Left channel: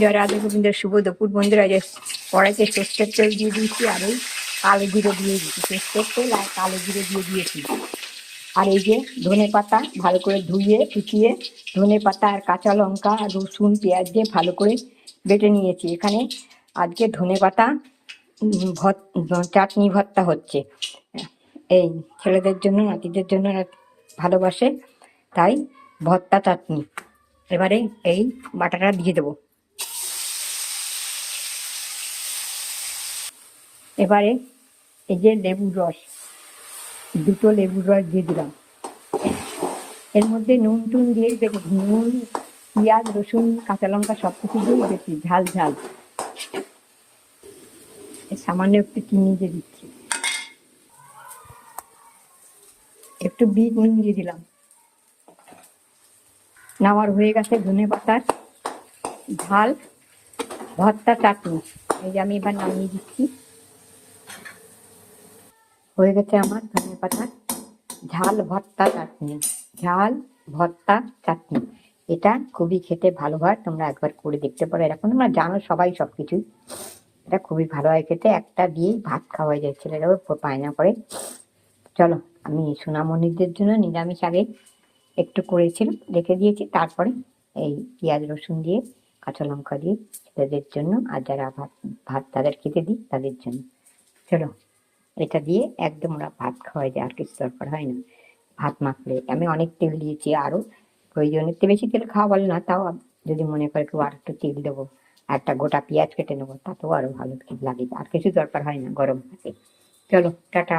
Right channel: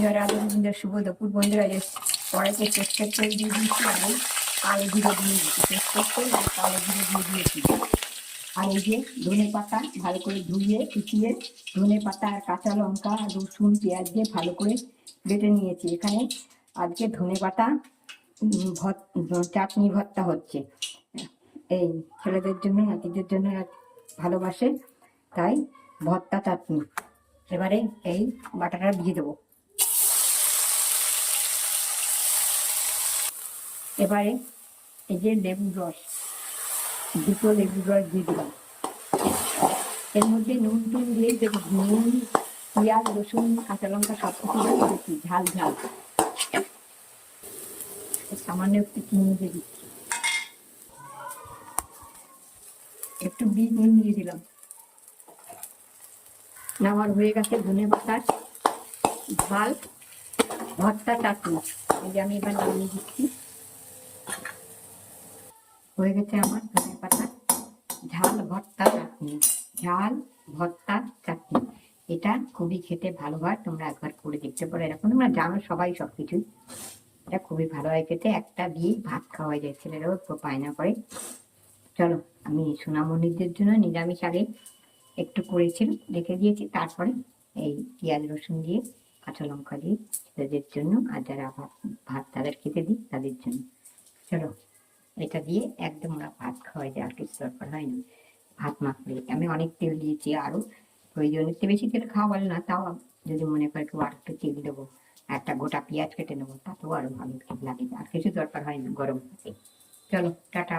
জয় রাধা গোবিন্দের শুভ দুপুর বন্ধুরা। যে কড়াইতে সর্ষের তেল দিয়ে দিয়েছি আর এই কালো জিরে দিয়ে দিয়েছি, সর্ষের তেল আর কালো জিরে দিয়ে দিয়েছি। আর এই যে ধনে পাতা ভালো করে ধুয়ে কুচিয়ে ধনে পাতা আর কাঁচা লঙ্কা আর রসুন পেঁয়াজ দিয়ে ভালো করে বেটে নিয়েছি। এখানে আজকে ধনে পাতা চাটনি ভর্তা হচ্ছে, এই ছেলেদের জন্য নাতিদের জন্য ভালোবাসে তাই ভর্তা চাটনি। এবারে এই বাটাটা দিয়ে দেবো। এবারে এই যে লেবুর রস, দুটো লেবুর রস দিয়ে দিলাম। এর মধ্যে নুন টুন দিয়ে দেবো, নুন পেঁয়াজ রসুন কাঁচা লঙ্কা সব কিছু দিয়ে দিচ্ছি, ঝাল ঝাল। সামান্য একটু চিনি দিয়ে দিচ্ছি, একটু বিট নুন দিয়ে দিলাম। নামার হয়ে গেছে ধনে পাতার ঝাল ভর্তা চাটনি। এই যে আমি এবার নামিয়ে দিচ্ছি। হয়ে গেছে আমার ধনে পাতার ঝাল ভর্তা চাটনি, ঝাল ভর্তা চাটনি। এটা খুবই খেতে ভালো হয়, তোমরা একবার করে দেখতে পারো। এরকম তোমরা জানো সবাই সব কিছুই, এটা খুবই ভালো হয় খেতে। একটা দিয়েই ভাত খাওয়া যায়, ছেলেরাও পায়না করে। চলো, আমি সোনামণিদের জন্য নিরামিষ আগে একটু করেছিলাম, রেখে দিয়েছি। তারপরে এই পেঁয়াজ রসুন দিয়ে কাঁচা লঙ্কা দিয়ে ছেলেদের জন্য, আর যারা ভাত ভাত তাদের খেতে দিই তাদের জন্য। চলো, এটা দিয়ে একদম ওরা ভাত খাওয়াই যায়, আর কিছু দরকার হয় না ভাত মাখলে। আমি অনেক তেল দিয়েছি, আরও প্রয়োজনের চেয়ে বেশি তেল খাওয়া বলে না, তাও যদি মনে করে কেউ আর একটু তেল দেবো, একটা গোটা পেঁয়াজ কেটে নেবো, তাতেও আরো ভালো লাগে। আর কিছু দরকার হয় না গরম ভাতে। চলো, টাটা।